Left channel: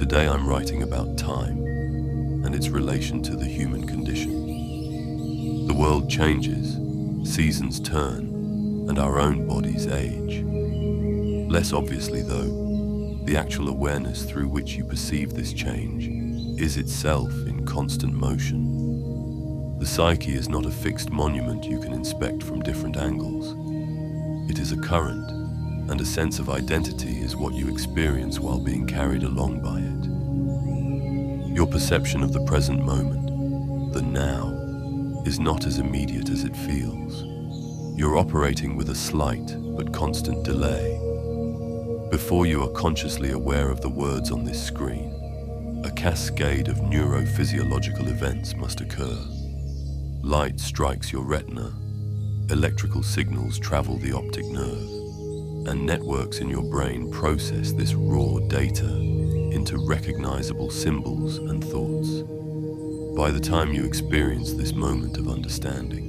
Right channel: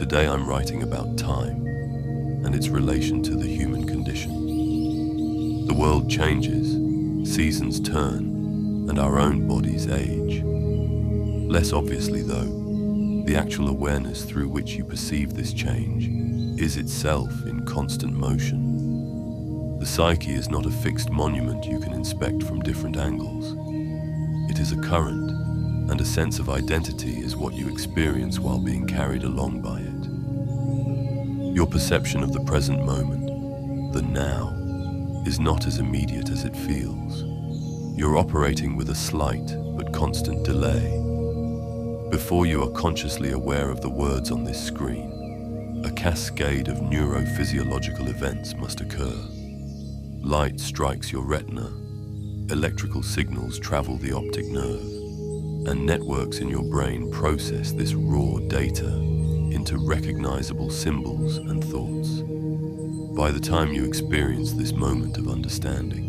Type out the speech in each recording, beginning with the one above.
Today I'm writing about time and its relation to the human condition. The world changes, seasons turn, and our own bodies age. Less obviously though, the actual awareness through which you perceive this change is itself in constant motion. The psyche is not a fixed monument you can inspect from different angles. It is a current, and a sense of identity is what you experience while being carried along by it. Your perception of the present moment, the now, is not as immediate as it feels. You're operating with a slight but constant delay. Before you are consciously aware of the words on this screen, a cascade of neurophysiological events must occur. Light strikes your retina, electrical signals travel the optic nerve, and networks in your brain process this raw data into recognizable symbols and thoughts. By the time you experience this moment of understanding,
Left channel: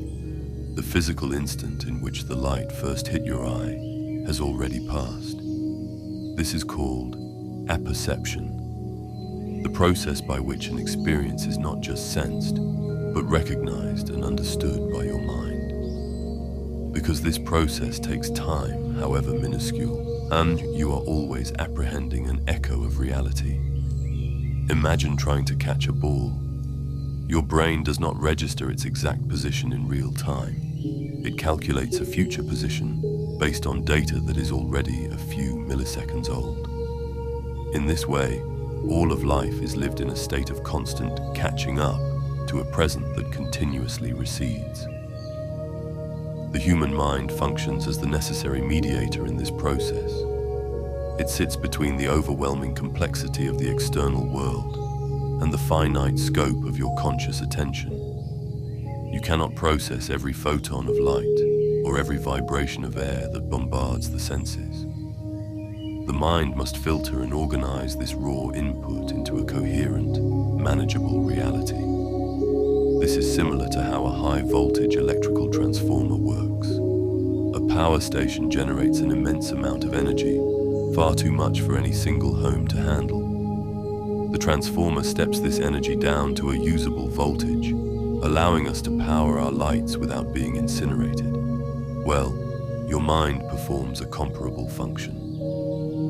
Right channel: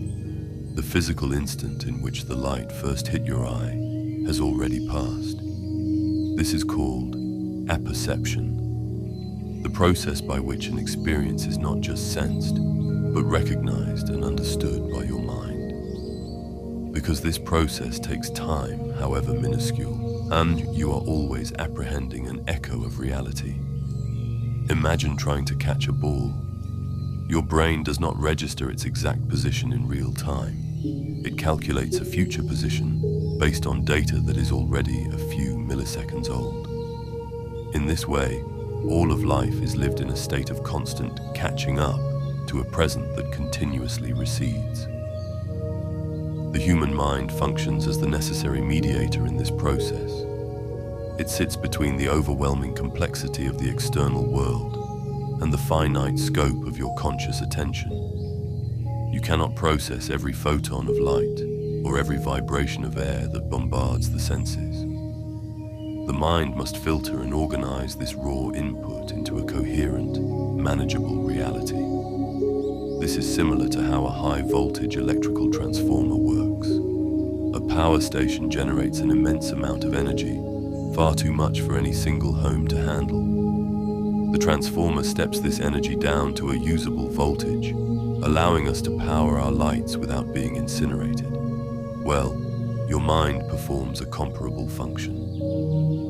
the physical instant in which the light first hit your eye has already passed. This is called apperception, the process by which an experience is not just sensed, but recognized and understood by your mind. Because this process takes time, however minuscule, and you are always apprehending an echo of reality. Imagine trying to catch a ball. Your brain does not register its exact position in real time. It calculates a future position based on data that is already a few milliseconds old. In this way, all of life is lived in a state of constant catching up to a present that continuously recedes. The human mind functions as the necessary mediator in this process. It sits between the overwhelming complexity of the external world and the finite scope of your conscious attention. You cannot process every photon of light or every vibration of air that bombards the senses. The mind must filter and organize this raw input into a coherent, manageable reality. This is similar to how a high-voltage electrical transformer works. A power station generates an immense amount of energy, far too much for any single home to handle. The transformer steps this energy down to a usable voltage, allowing us to power our lights without being incinerated. Well, your mind performs a comparable function.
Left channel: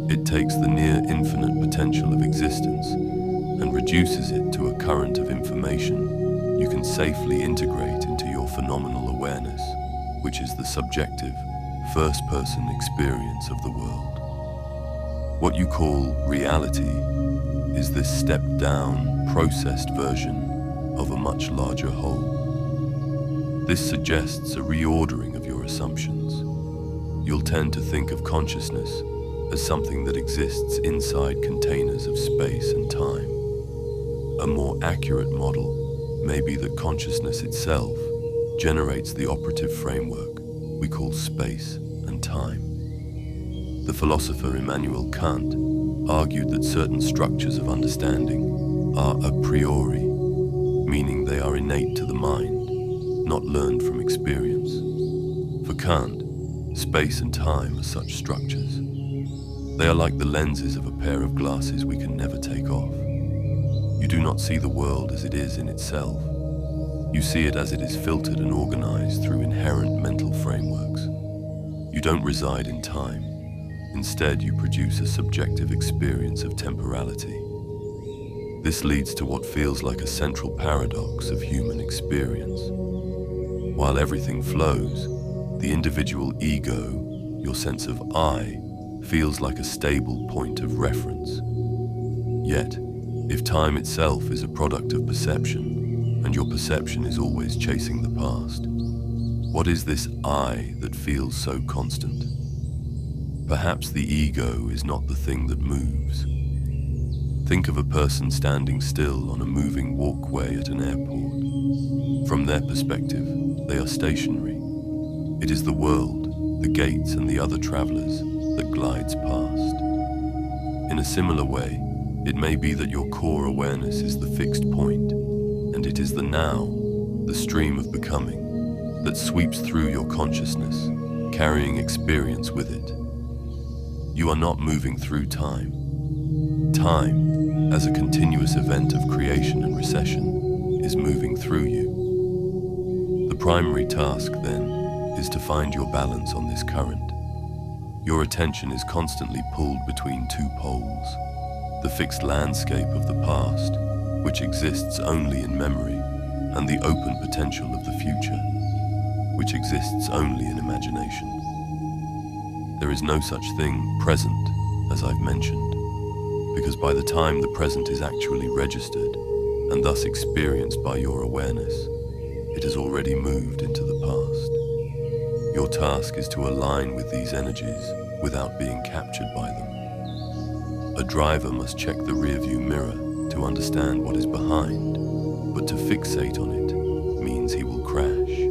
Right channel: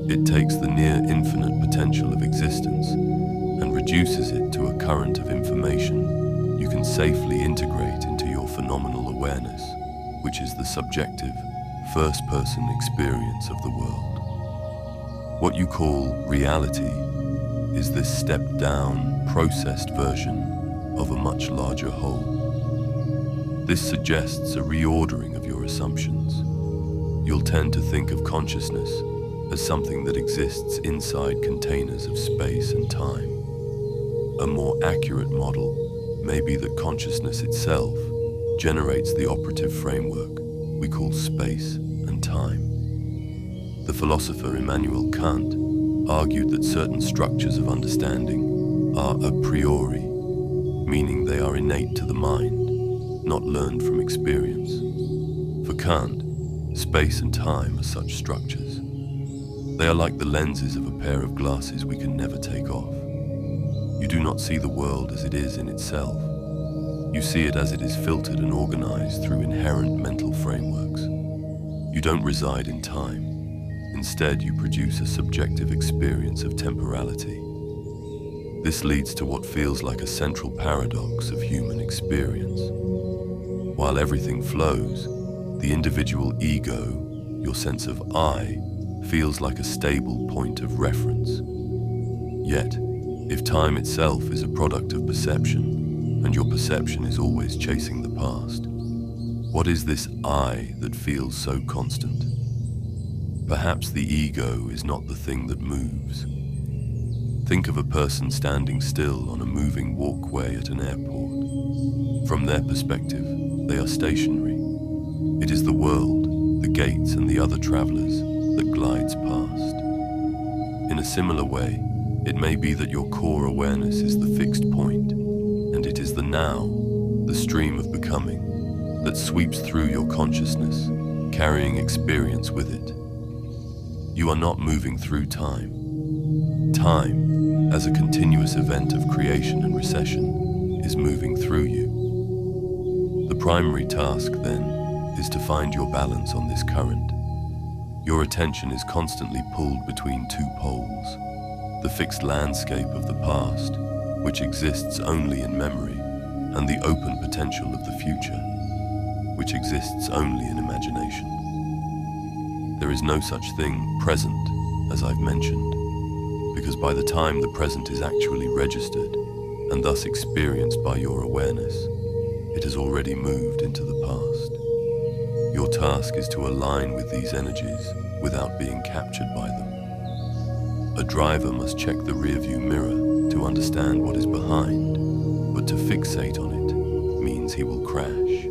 It takes the near-infinite potential of existence and reduces it to a current of information you can safely integrate into your phenomenal awareness, which is the subjective, first-person experience of the world. What you call reality is this stepped-down, processed version of a much larger whole. This suggests a reordering of your assumptions. You'll tend to think of consciousness as something that exists inside containers of space and time. A more accurate model may be that consciousness itself generates the operative framework we call space and time. The philosopher Immanuel Kant argued that certain structures of understanding are a priori, meaning they are innate to the mind, not learned from experience. For Kant, space and time are such structures. They are like the lenses of a pair of glasses we can never take off. You do not see the world as it is in itself. You see it as it is filtered and organized through inherent mental frameworks. You don't reside in time. Instead, you produce a subjective experience of temporality. This leads to what feels like a central paradox of human experience. While everything flows, the individual ego, your sense of I, feels like a stable point of reference. Yet, if time itself is a product of perception, and your perception is always chasing the past, what is this I that feels so constant? Perhaps the ego is not the thing that moves. Think of a person standing still on a moving walkway at an airport. From their perspective, they are stationary. It is the world, the gates and the other travelers that glides past. In a similar way, it may be that your core awareness is the fixed point, and it is the now, the stream of becoming, that sweeps through your consciousness, carrying experience with it. You are not moving through time. Time as a continuous event of creation and recession, is moving through you. The primary task, then, is to find your balance on this current. Your attention is constantly pulled between two poles: the fixed landscape of the past, which exists only in memory, and the open potential of the future, which exists only in imagination. There is no such thing, present, as I've mentioned, because by the time the present is actually registered, and thus experienced by your awareness, it has already moved into the past. Your task is to align with these energies without being captured by them. A driver must check the rearview mirror to understand what is behind, but to fixate on it means he will crash.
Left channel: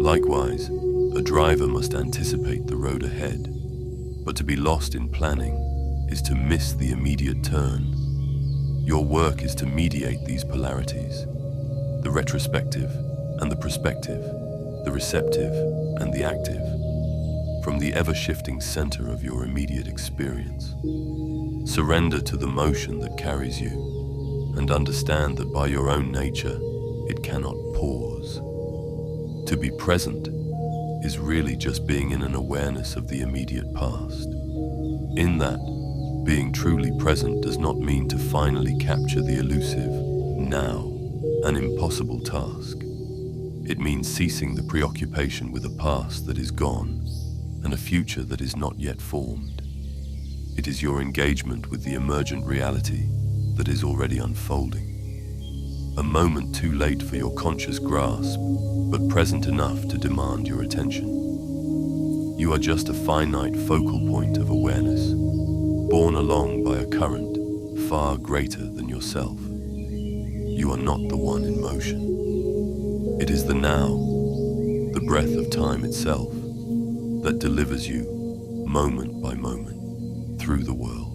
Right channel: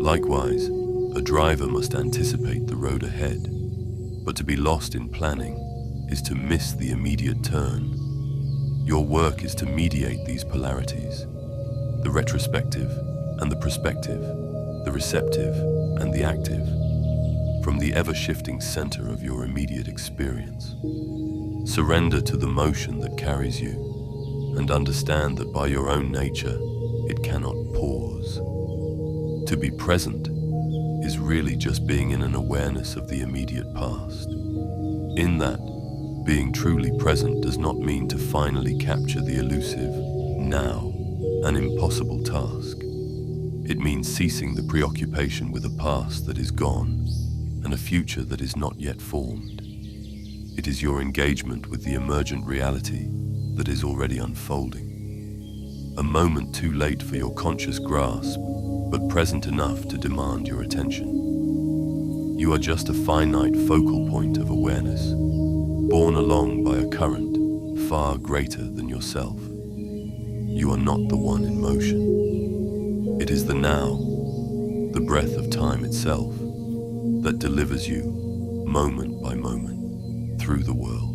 Likewise, a driver must anticipate the road ahead, but to be lost in planning is to miss the immediate turn. Your work is to mediate these polarities, the retrospective and the prospective, the receptive and the active, from the ever-shifting center of your immediate experience. Surrender to the motion that carries you, and understand that by your own nature, it cannot pause. To be present is really just being in an awareness of the immediate past. In that, being truly present does not mean to finally capture the elusive now, an impossible task. It means ceasing the preoccupation with a past that is gone and a future that is not yet formed. It is your engagement with the emergent reality that is already unfolding. A moment too late for your conscious grasp, but present enough to demand your attention. You are just a finite focal point of awareness, borne along by a current far greater than yourself. You are not the one in motion. It is the now, the breath of time itself, that delivers you, moment by moment, through the world.